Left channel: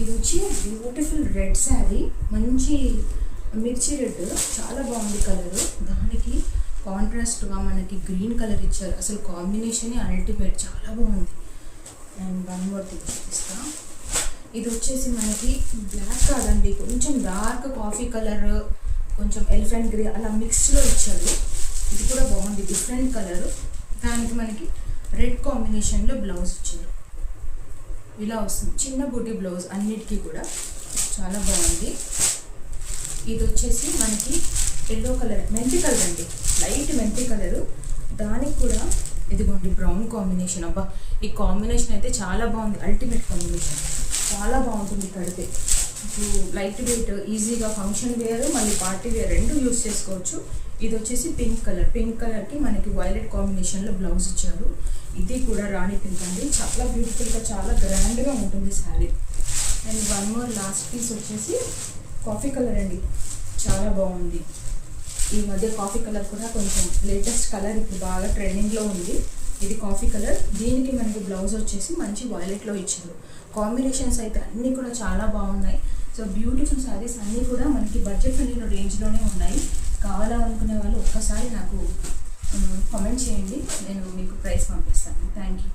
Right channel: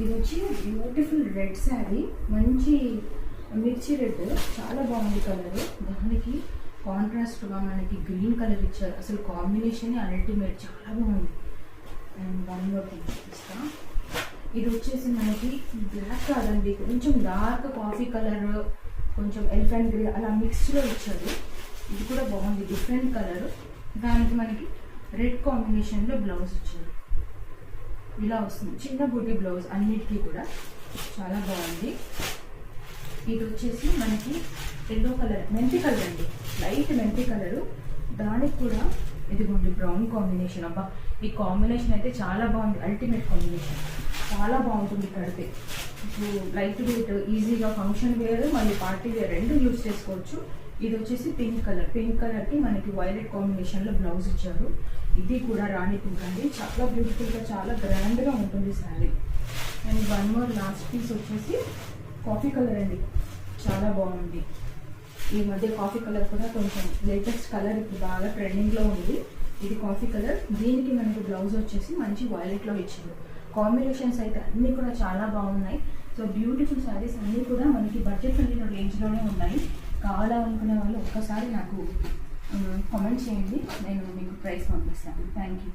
ఇది వచ్చి beautiful red sari, మంచి మిర్చి రెడ్, చాలా బాగుంది కలర్. దానికి కాంట్రాస్ట్గా మనకి గ్రీన్ కలర్ ఇచ్చారు. అసలు కాంబినేషన్ అల్టిమేట్, చాలా బాగుంది. అండ్ వన్ మోర్ థింగ్ చూపిస్తాను. ఇది వచ్చేసి మనకి బ్లాక్ కాదండి, కొంచెం డార్క్ కాఫీ కలర్, కొంచెం ఎలిఫెంట్ గ్రే అలా మిక్స్లో ఇచ్చారు. ఇది కూడా బాగుంది, డిఫరెంట్ కలర్. దానికి మనకి రెడ్ కాంబినేషన్లో బ్లౌజ్ ఇచ్చారు. ఇలా వస్తుంది చిన్న బూటీ బ్లౌజ్, అన్నిటికీ కూడా చాలా బాగుంది. ఇది వచ్చేసి మనకి ఎల్లో కలర్, మెంతి కలర్ అండి, లైట్ మెంతి కలరు. దానికి కూడా ఇదిగోండి బ్రౌన్ కాంబినేషన్. అబ్బా, ఈ కాంబినేషన్ అయితే చాలా బాగుంది, అల్టిమేట్ కాంబినేషన్, చాలా బాగుంటుంది కడితే. లైట్ వెయిట్, ఈజీగా ఫంక్షన్ వేర్ మళ్ళీ పార్టీ వేర్ రెండు యూస్ చేసుకోవచ్చు. ఇది వచ్చేసి పింక్ కలర్, పింక్ కలర్కి మనకి వైలెట్ కాంబినేషన్లో బ్లౌజ్ ఇచ్చారు. ఇది కూడా రాణి పింక్ అండి, చాలా బ్యూటిఫుల్గా, చాలా గ్రాండ్గా ఉంటుంది sari. And one more last piece వచ్చేసి కాఫీ కలర్ అండి, చాలా బాగుంది. ఈ మధ్య కాఫీ కలర్ కూడా కొంచెం లేటెస్ట్ కలర్, ఇప్పుడు బాగా ట్రెండింగ్లో ఉంది. ఇది కాఫీ కలర్. దీనికి మనకి బ్లౌజ్ వచ్చేసి మంచి వైలెట్లో ఇచ్చారు. కాంబినేషన్స్ అయితే అన్నీ కూడా చాలా బాగున్నాయి. సో బ్యూటిఫుల్ శారీస్ అన్నీ కూడా మనకి బడ్జెట్ ఫ్రెండ్లీ రేంజ్లోనే ఉన్నాయి. కావాలనుకునే వాళ్ళు ఒక్కసారి నాకు కామెంట్ చేయండి, నేను మీకు ప్రైస్ పంపిస్తాను. Thank you.